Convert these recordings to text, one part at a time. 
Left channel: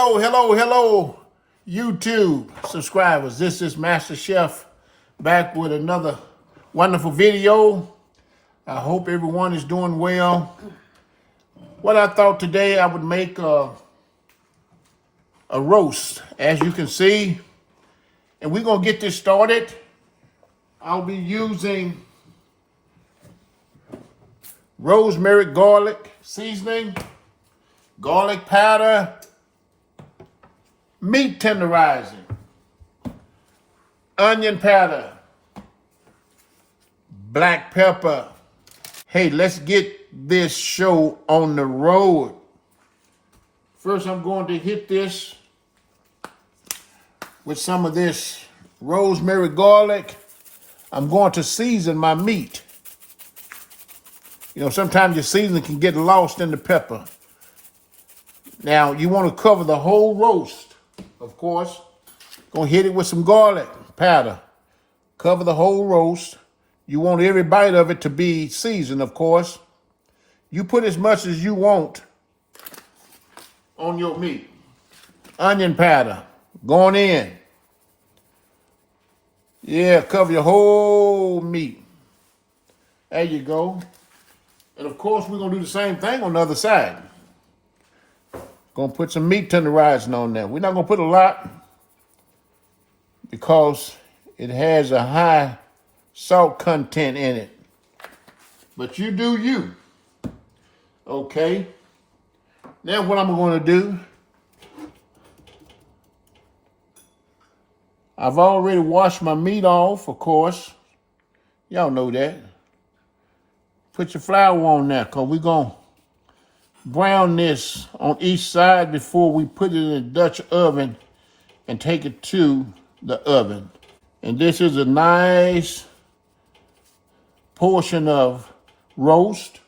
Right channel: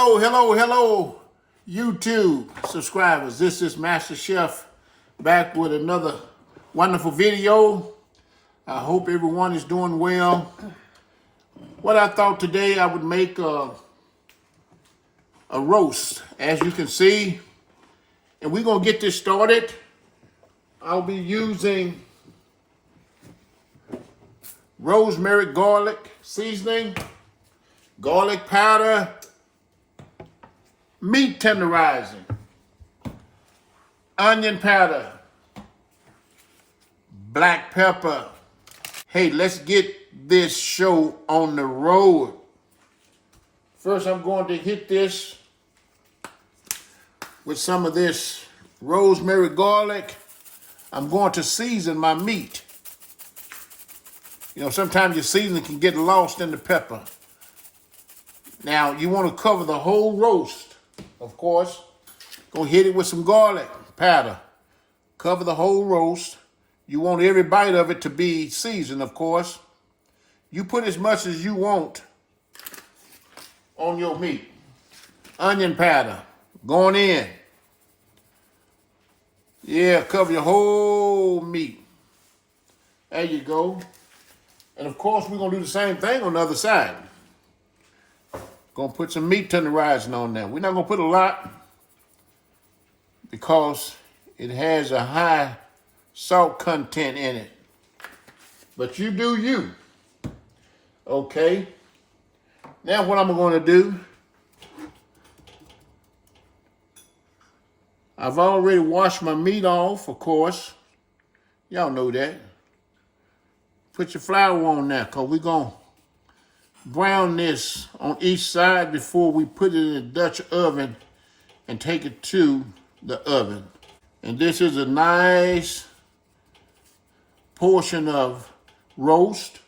Hello, YouTube subscribers. This is Master Chef back with another wonderful video. I hope everyone is doing well. What I thought today, I would make a roast, as you can see. And we're going to get this started. I'll be using rosemary garlic seasoning, garlic powder, meat tenderizing, onion powder, black pepper. Hey, let's get this show on the road. First, I'm going to hit this with some of this rosemary garlic. I'm going to season my meat. You know, sometimes your seasoning can get lost in the pepper. Now, you want to cover the whole roast, of course. Gonna hit it with some garlic powder. Cover the whole roast. You want every bite of it to be seasoned, of course. You put as much as you want on your meat. Onion powder going in. Yeah, cover your whole meat. There you go. And of course, we're gonna do the same thing on the other side. Gonna put some meat tenderizing on there. We're not gonna put a lot because it has a high salt content in it. But you do you. Okay. Now what I'm gonna do, I've already washed my meat off, of course. Y'all know that. Put your flour on there, because we're going to brown this on each side before we put it in the Dutch oven and take it to the oven. And this is a nice portion of roast.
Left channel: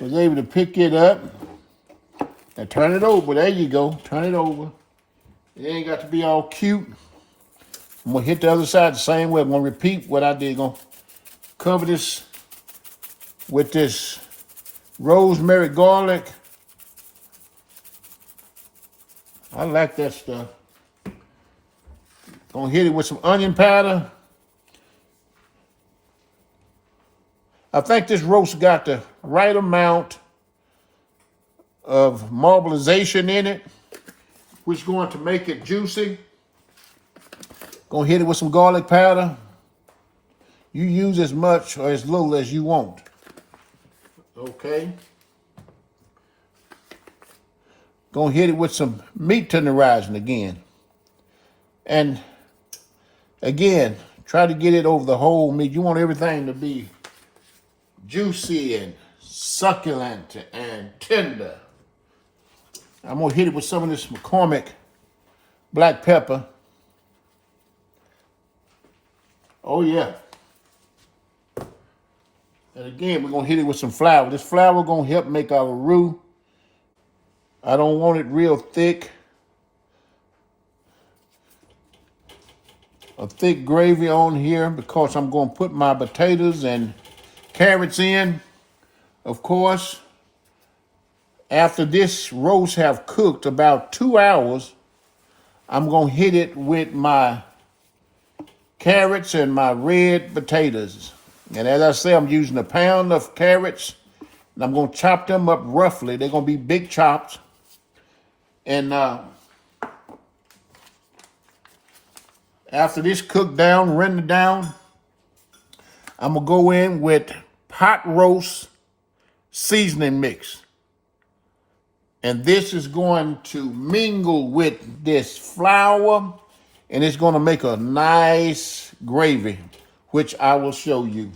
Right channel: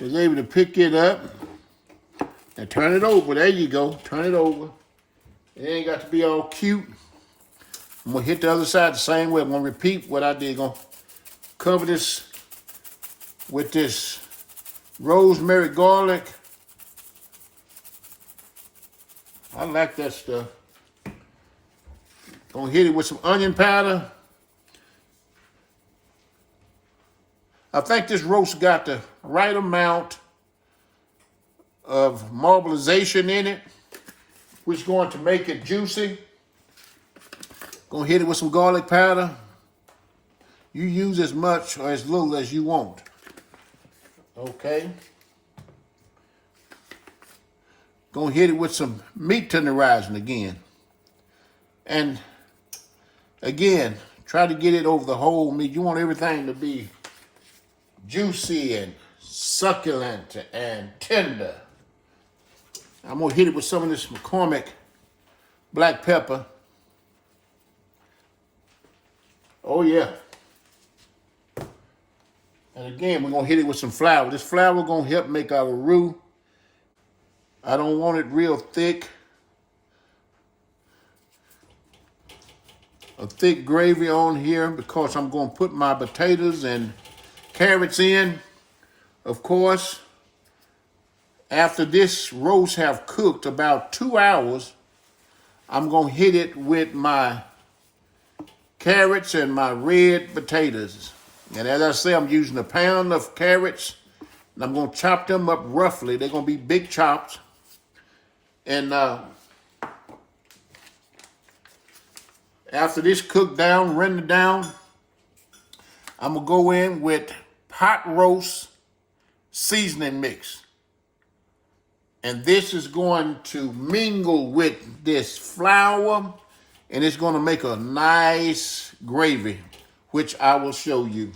Was able to pick it up and turn it over. There you go. Turn it over. It ain't got to be all cute. I'm gonna hit the other side the same way. I'm gonna repeat what I did. Gonna cover this with this rosemary garlic. I like that stuff. Gonna hit it with some onion powder. I think this roast got the right amount of marbleization in it, which is going to make it juicy. Gonna hit it with some garlic powder. You use as much or as little as you want. Okay. Gonna hit it with some meat tenderizing again. And again, try to get it over the whole meat. You want everything to be juicy and succulent and tender. I'm gonna hit it with some of this McCormick black pepper. Oh yeah. And again, we're gonna hit it with some flour. This flour gonna help make our roux. I don't want it real thick. A thick gravy on here because I'm gonna put my potatoes and carrots in, of course. After this roast have cooked about 2 hours, I'm gonna hit it with my carrots and my red potatoes. And as I say, I'm using a pound of carrots, and I'm gonna chop them up roughly. They're gonna be big chops. And after this cooked down, rendered down, I'm gonna go in with pot roast seasoning mix. And this is going to mingle with this flour, and it's gonna make a nice gravy, which I will show you.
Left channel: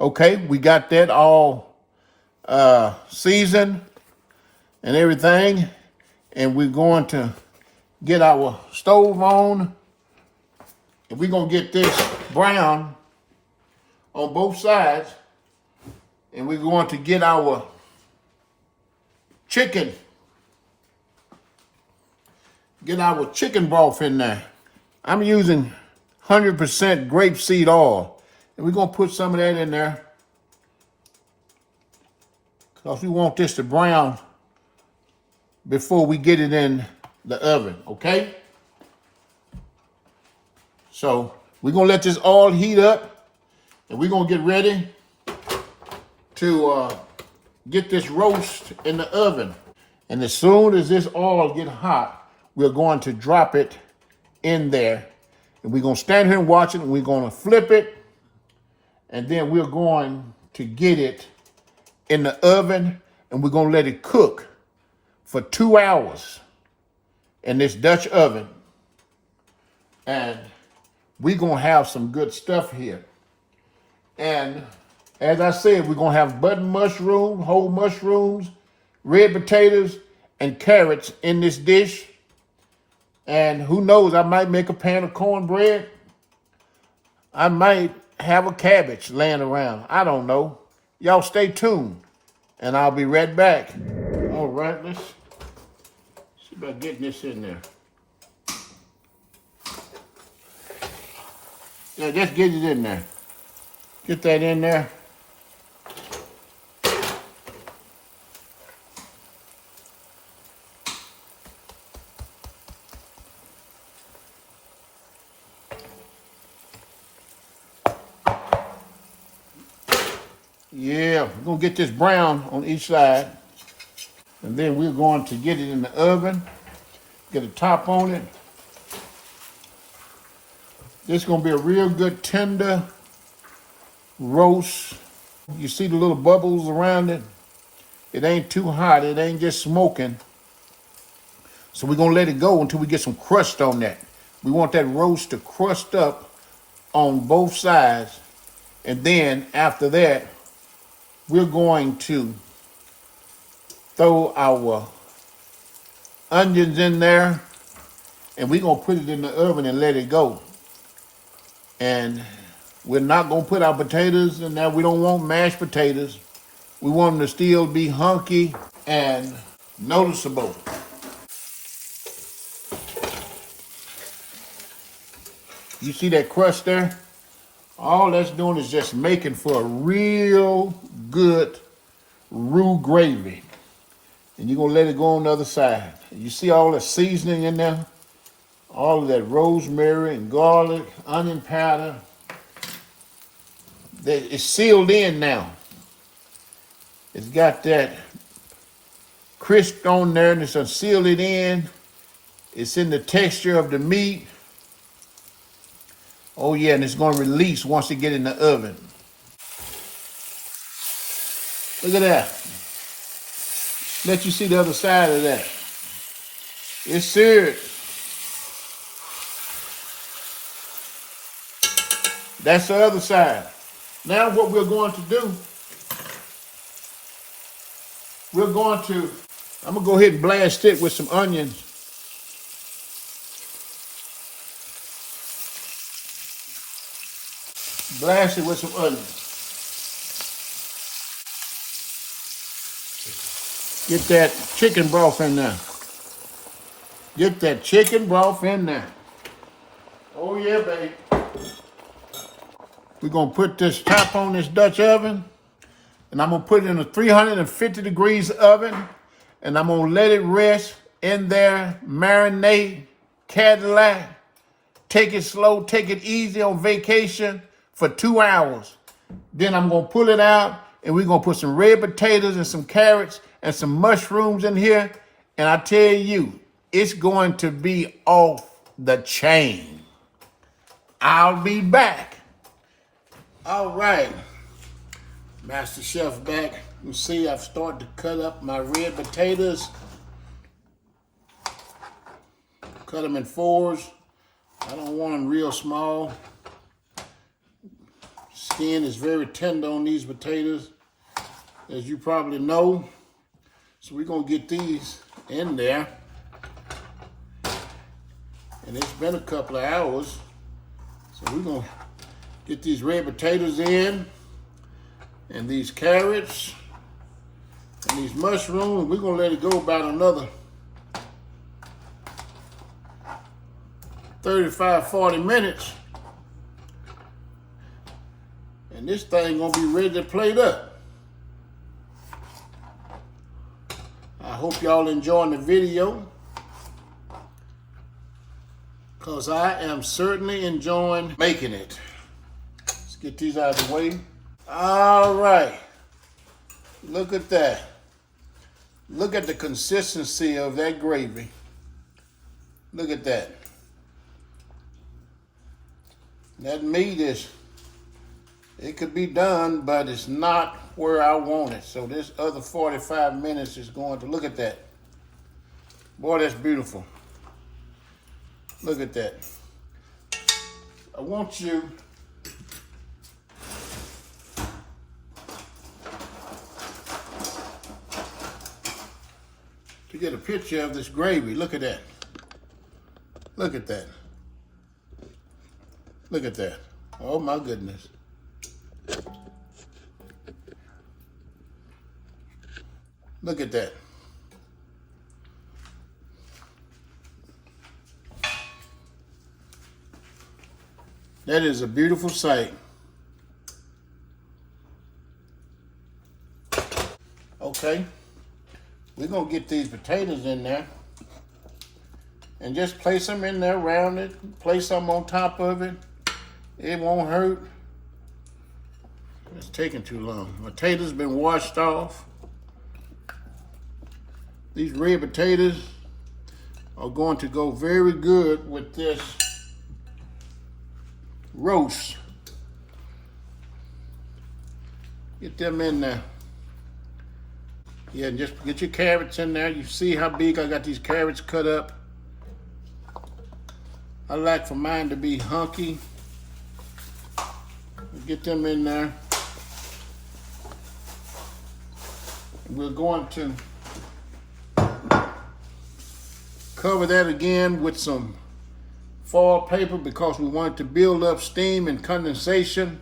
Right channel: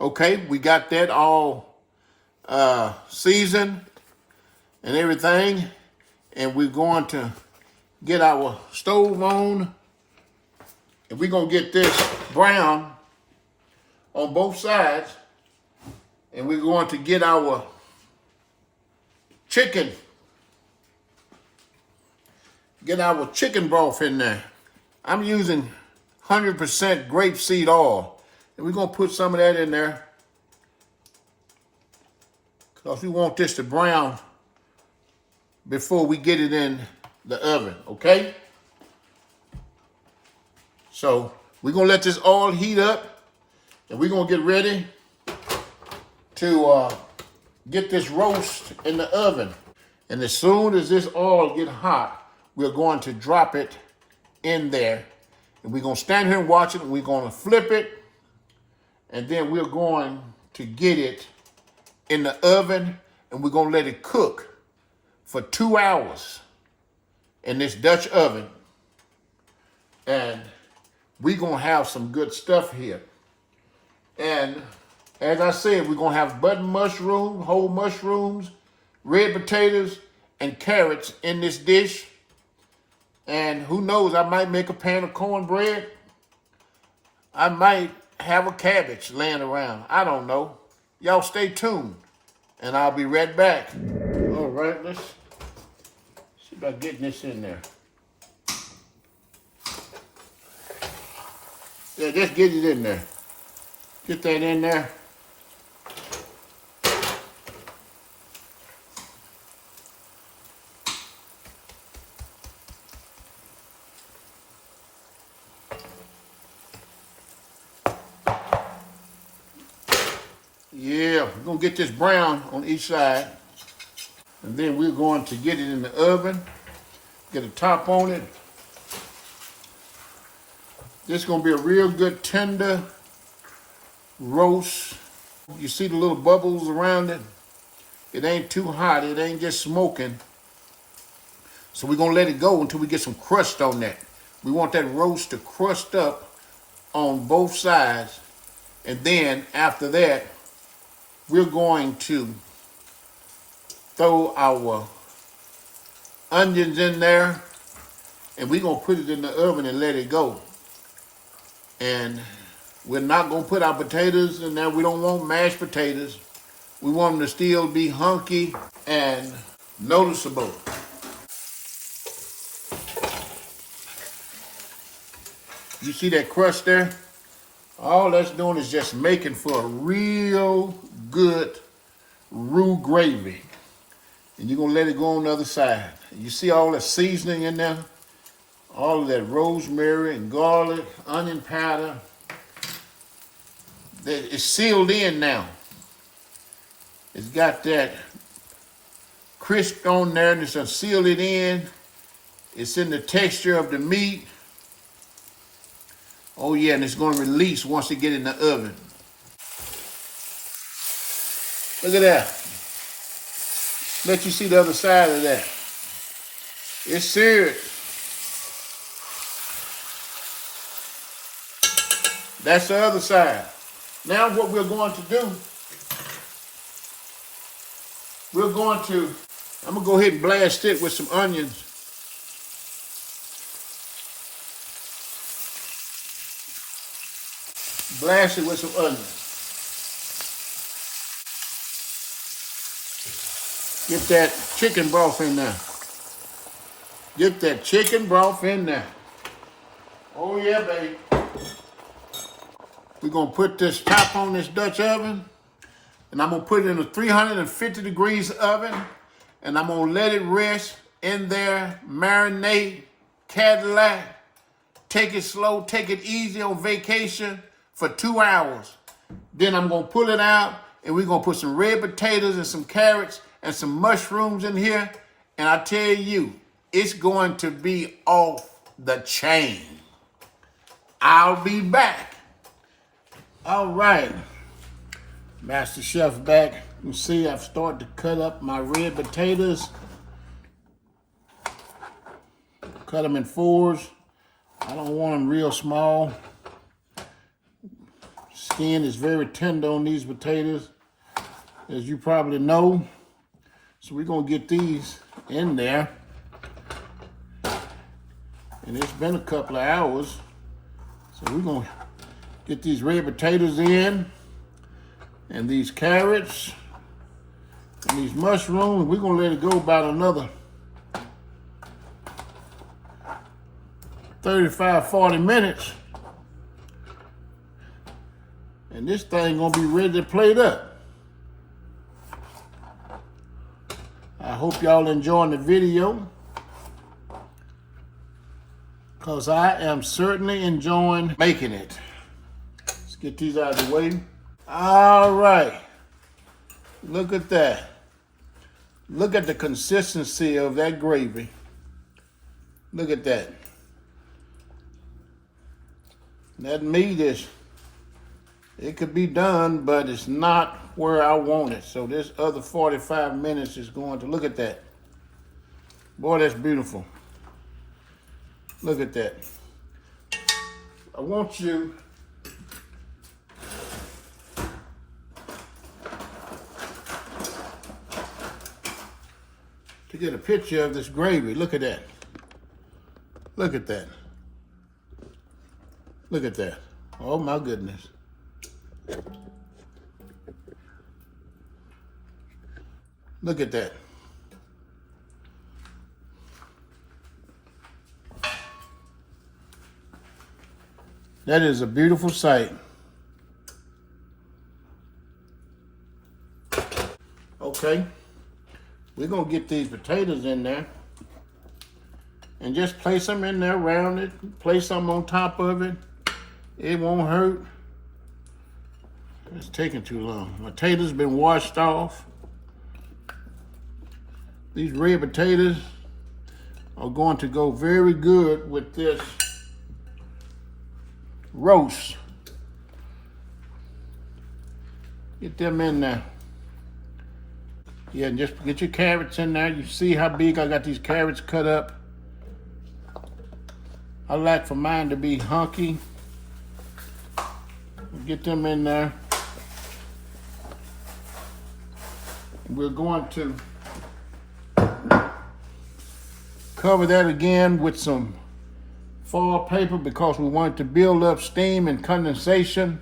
Okay, we got that all seasoned and everything. And we're going to get our stove on. And we're gonna get this brown on both sides. And we're going to get our chicken. Get our chicken broth in there. I'm using 100% grapeseed oil. And we're gonna put some of that in there. because we want this to brown before we get it in the oven, okay? So we're gonna let this all heat up, and we're gonna get ready to get this roast in the oven. And as soon as this all get hot, we're going to drop it in there. And we're gonna stand here and watch it, and we're gonna flip it, and then we're going to get it in the oven, and we're gonna let it cook for 2 hours in this Dutch oven. And we're gonna have some good stuff here. And as I said, we're gonna have button mushrooms, whole mushrooms, red potatoes, and carrots in this dish. And who knows, I might make a pan of cornbread. I might have a cabbage laying around. I don't know. Y'all stay tuned, and I'll be right back. All right, let's see about getting this in there. Yeah, just get it in there. Get that in there. Yeah, we're gonna get this brown on each side. And then we're going to get it in the oven, get a top on it. This is gonna be a real good tender roast. You see the little bubbles around it? It ain't too hot, it ain't just smoking. So we're gonna let it go until we get some crust on that. We want that roast to crust up on both sides. And then after that, we're going to throw our onions in there, and we're gonna put it in the oven and let it go. And we're not gonna put our potatoes in there. We don't want mashed potatoes. We want them to still be hunky and noticeable. You see that crust there? All that's doing is just making for a real good roux gravy. And you're gonna let it go on the other side. You see all the seasoning in there? All of that rosemary and garlic, onion powder. It's sealed in now. It's got that crisp on there, and it's sealed it in. It's in the texture of the meat. Oh yeah, and it's gonna release once it get in the oven. Look at that. Let you see the other side of that. It's seared. That's the other side. Now what we're going to do, I'm gonna go ahead and blast it with some onions. Blast it with some onions. Get that chicken broth in there. Get that chicken broth in there. Oh yeah, baby. We're gonna put this top on this Dutch oven, and I'm gonna put it in a 350 degrees oven, and I'm gonna let it rest in there, marinate, Cadillac, take it slow, take it easy on vacation for 2 hours. Then I'm gonna pull it out, and we're gonna put some red potatoes and some carrots and some mushrooms in here, and I tell you, it's going to be off the chain. I'll be back. All right, Master Chef back. You see I've started to cut up my red potatoes. Cut them in 4s. I don't want them real small. Skin is very tender on these potatoes, as you probably know. So we're gonna get these in there. And it's been a couple of hours. So we're gonna get these red potatoes in, and these carrots, and these mushrooms. We're gonna let it go about another 35, 40 minutes. And this thing gonna be ready to plate up. hope y'all enjoying the video, because I am certainly enjoying making it. Let's get these out of the way. All right. Look at that. Look at the consistency of that gravy. Look at that. That meat is, it could be done, but it's not where I want it. So this other 45 minutes is going to, look at that. Boy, that's beautiful. Look at that. I want you to get a picture of this gravy. Look at that. Look at that. Look at that. Oh my goodness. Look at that. That is a beautiful sight. Okay. We're going to get these potatoes in there and just place them in there around it. Place some on top of it. It won't hurt. It's taking too long. Potatoes been washed off. These red potatoes are going to go very good with this roast. Get them in there. Yeah, and just get your carrots in there. You see how big I got these carrots cut up. I like for mine to be hunky. Get them in there. We're going to cover that again with some foil paper because we want it to build up steam and condensation.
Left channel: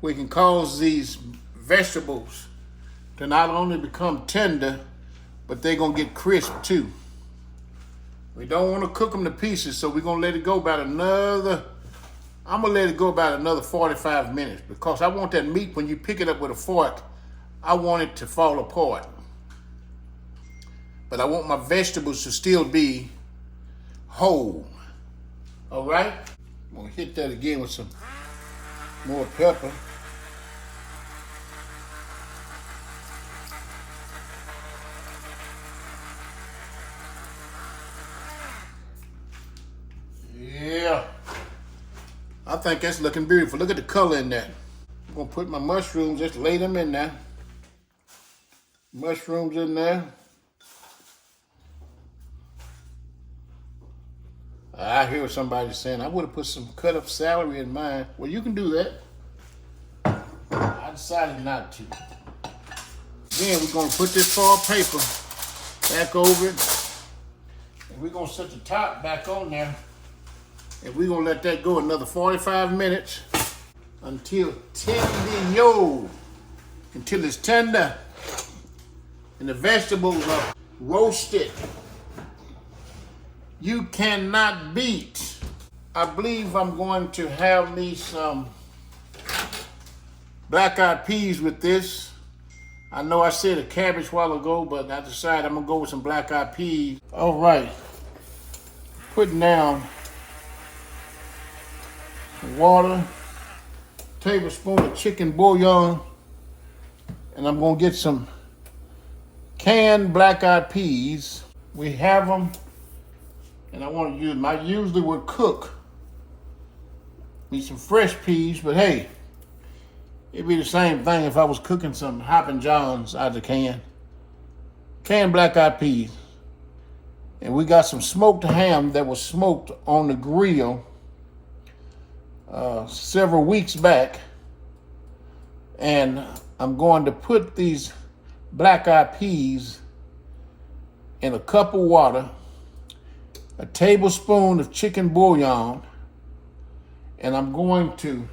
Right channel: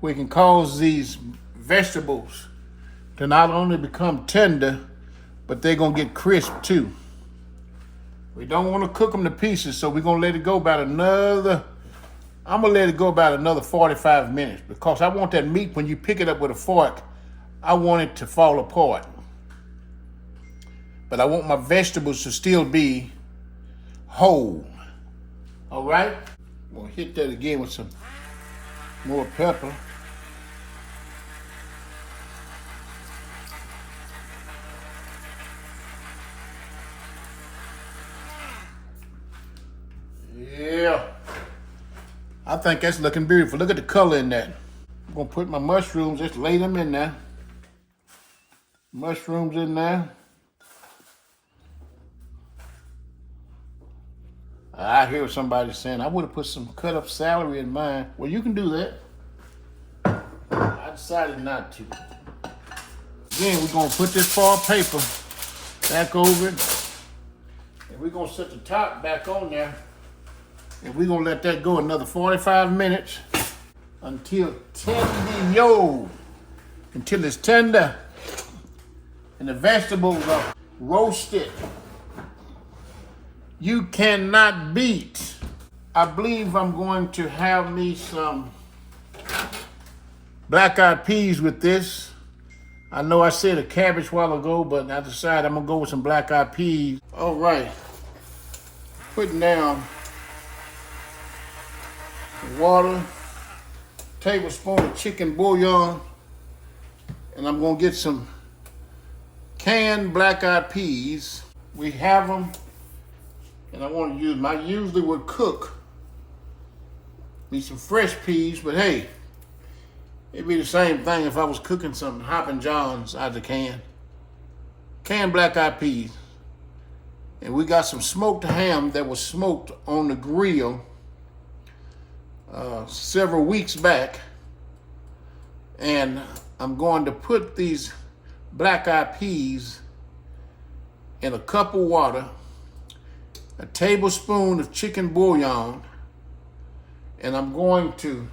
We can cause these vegetables to not only become tender, but they're gonna get crisp too. We don't want to cook them to pieces, so we're gonna let it go about another, I'm gonna let it go about another 45 minutes because I want that meat, when you pick it up with a fork, I want it to fall apart. But I want my vegetables to still be whole. All right? I'm gonna hit that again with some more pepper. Yeah. I think that's looking beautiful. Look at the color in that. I'm gonna put my mushrooms, just lay them in there. Mushrooms in there. I hear somebody saying, I would have put some cut up celery in mine. Well, you can do that. I decided not to. Then we're gonna put this foil paper back over it. And we're gonna set the top back on there. And we're gonna let that go another 45 minutes until tender, until it's tender and the vegetables are roasted. You cannot beat. I believe I'm going to have me some black-eyed peas with this. I know I said a cabbage a while ago, but I decided I'm gonna go with some black-eyed peas. All right, putting down water, tablespoon of chicken bouillon, and I'm gonna get some canned black-eyed peas. We have them, and I want to use them. I usually would cook me some fresh peas, but hey, it'd be the same thing if I was cooking some Hoppin' Johns out of the can. Canned black-eyed peas. And we got some smoked ham that was smoked on the grill several weeks back. And I'm going to put these black-eyed peas in a cup of water, a tablespoon of chicken bouillon, and I'm going to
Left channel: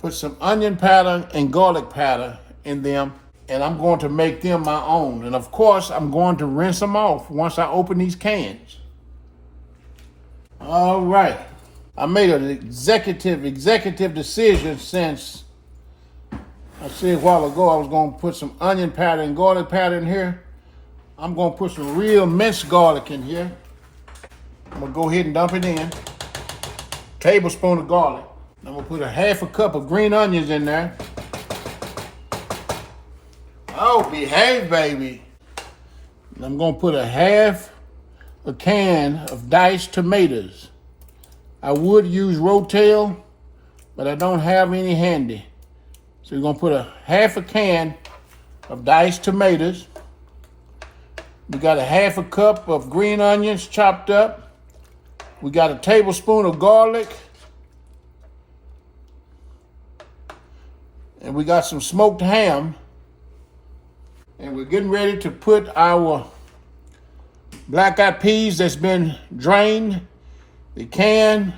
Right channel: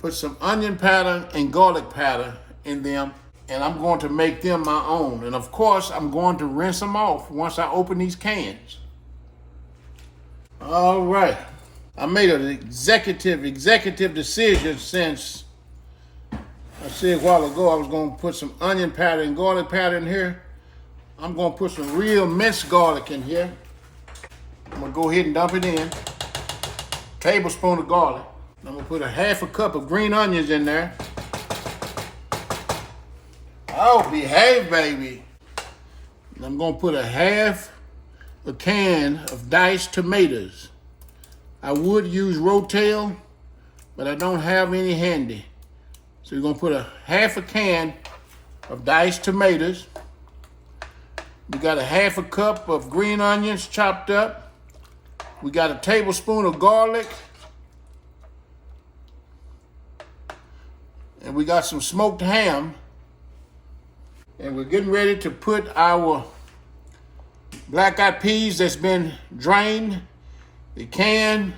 put some onion powder and garlic powder in them, and I'm going to make them my own. And of course, I'm going to rinse them off once I open these cans. All right. I made an executive decision since I see a while ago I was gonna put some onion powder and garlic powder in here. I'm gonna put some real minced garlic in here. I'm gonna go ahead and dump it in. Tablespoon of garlic. I'm gonna put a half a cup of green onions in there. Oh, behave, baby. And I'm gonna put a half a can of diced tomatoes. I would use Rotel, but I don't have any handy. So we're gonna put a half a can of diced tomatoes. We got a half a cup of green onions chopped up. We got a tablespoon of garlic. And we got some smoked ham. And we're getting ready to put our black-eyed peas that's been drained, the can,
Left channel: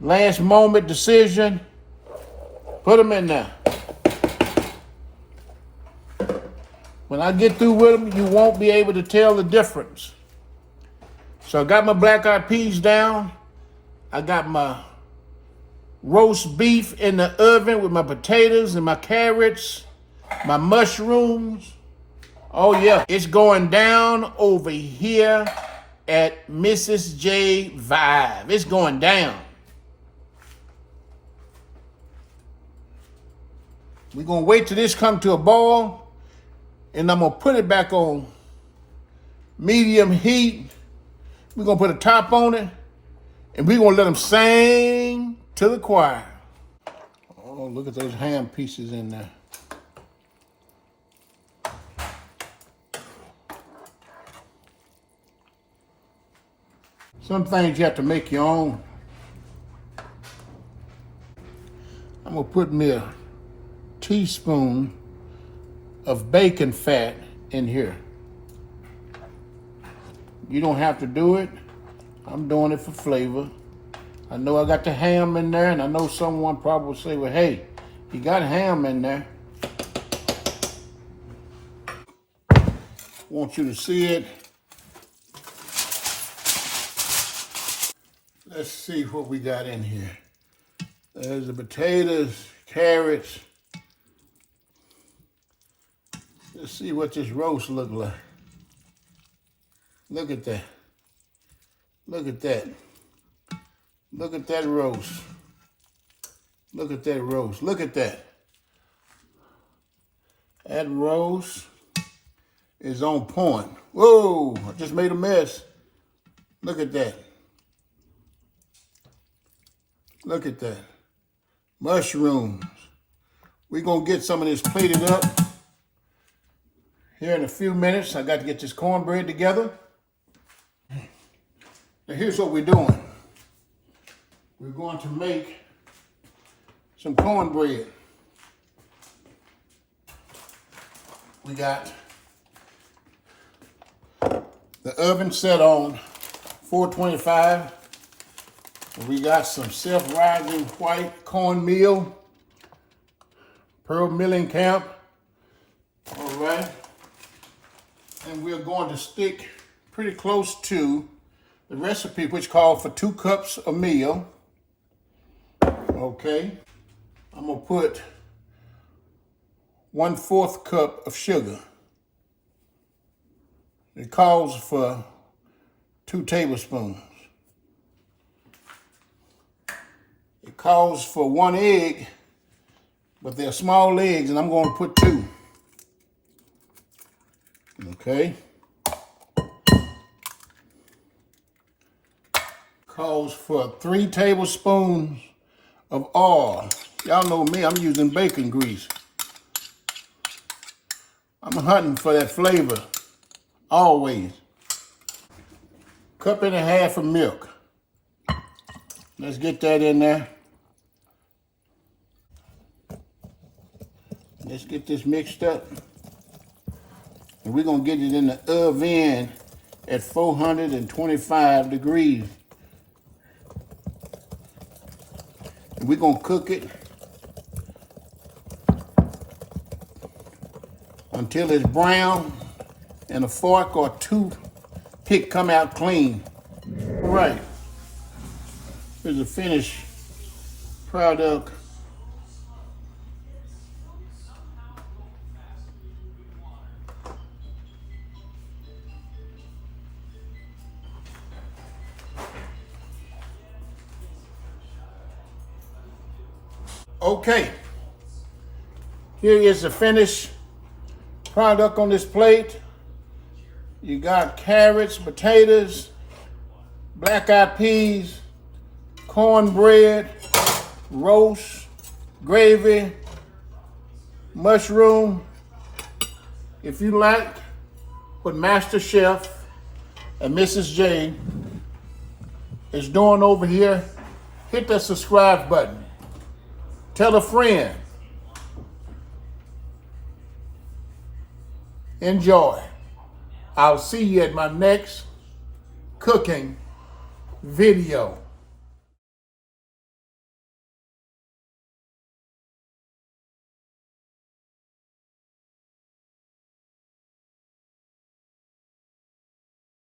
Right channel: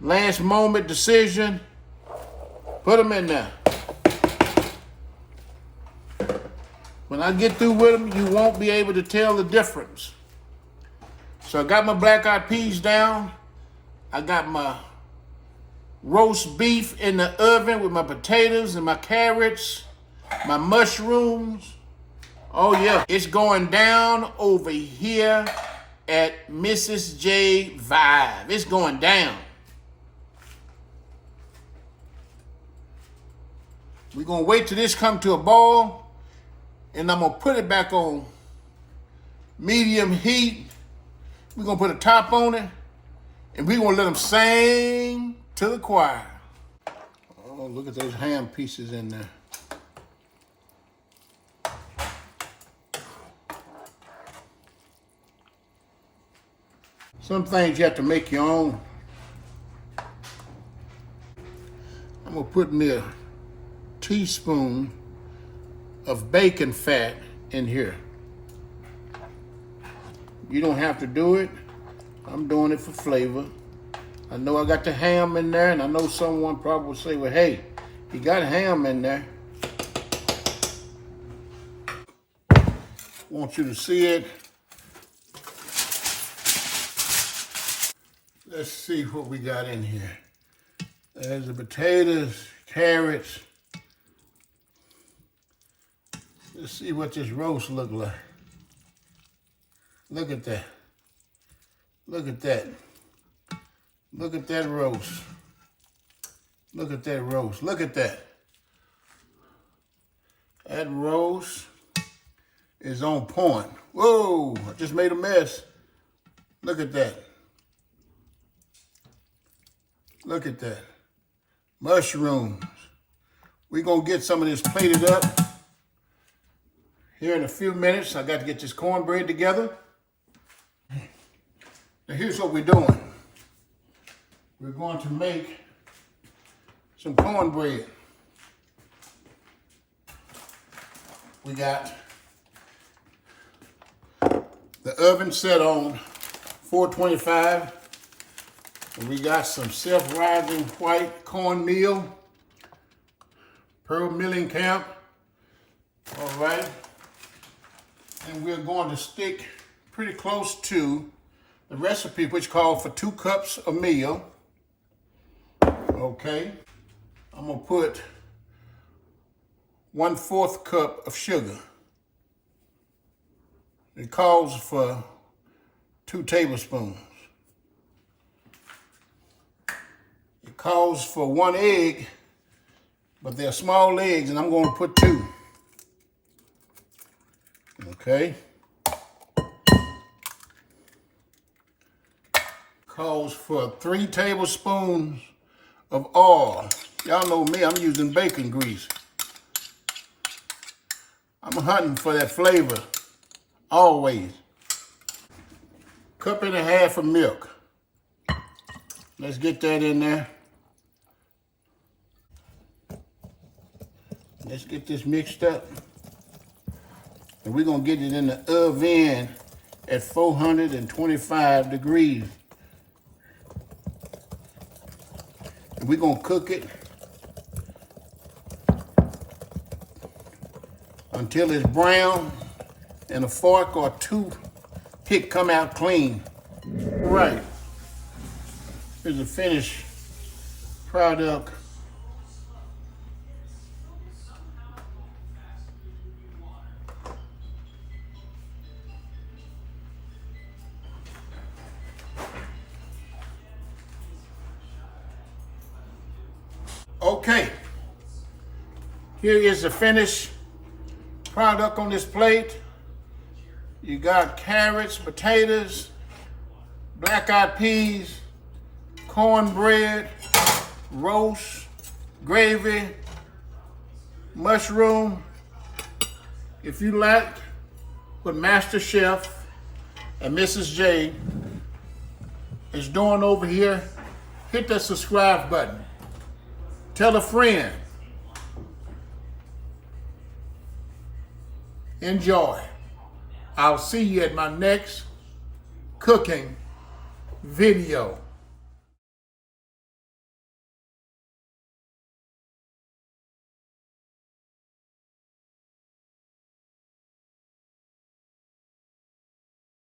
last moment decision. Put them in there. When I get through with them, you won't be able to tell the difference. So I got my black-eyed peas down. I got my roast beef in the oven with my potatoes and my carrots, my mushrooms. Oh yeah, it's going down over here at Mrs. J Vibe. It's going down. We're gonna wait till this come to a boil, and I'm gonna put it back on medium heat. We're gonna put a top on it, and we're gonna let them sing to the choir. Oh, look at those ham pieces in there. Some things you have to make your own. I'm gonna put me a teaspoon of bacon fat in here. You don't have to do it. I'm doing it for flavor. I know I got the ham in there, and I know someone probably will say, well, hey, you got ham in there. Want you to see it. Let's see what we got in here. There's the potatoes, carrots. Let's see what this roast look like. Look at that. Look at that. Look at that roast. Look at that roast. Look at that. That roast is on point. Whoa, I just made a mess. Look at that. Look at that. Mushrooms. We're gonna get some of this plated up here in a few minutes. I got to get this cornbread together. Now here's what we're doing. We're going to make some cornbread. We got the oven set on 425. And we got some self-rising white cornmeal, Pearl Milling Camp. All right. And we're going to stick pretty close to the recipe, which called for 2 cups of meal. Okay. I'm gonna put 1/4 cup of sugar. It calls for 2 tablespoons. It calls for 1 egg, but they're small eggs, and I'm going to put 2. Okay. Calls for 3 tablespoons of oil. Y'all know me, I'm using bacon grease. I'm hunting for that flavor, always. 1.5 cups of milk. Let's get that in there. Let's get this mixed up. And we're gonna get it in the oven at 425 degrees. And we're gonna cook it until it's brown and a fork or toothpick come out clean. All right, here's the finished product. Okay, here is the finished product on this plate. You got carrots, potatoes, black-eyed peas, cornbread, roast, gravy, mushroom. If you like what Master Chef and Mrs. J is doing over here, hit that subscribe button. Tell a friend. Enjoy. I'll see you at my next cooking video.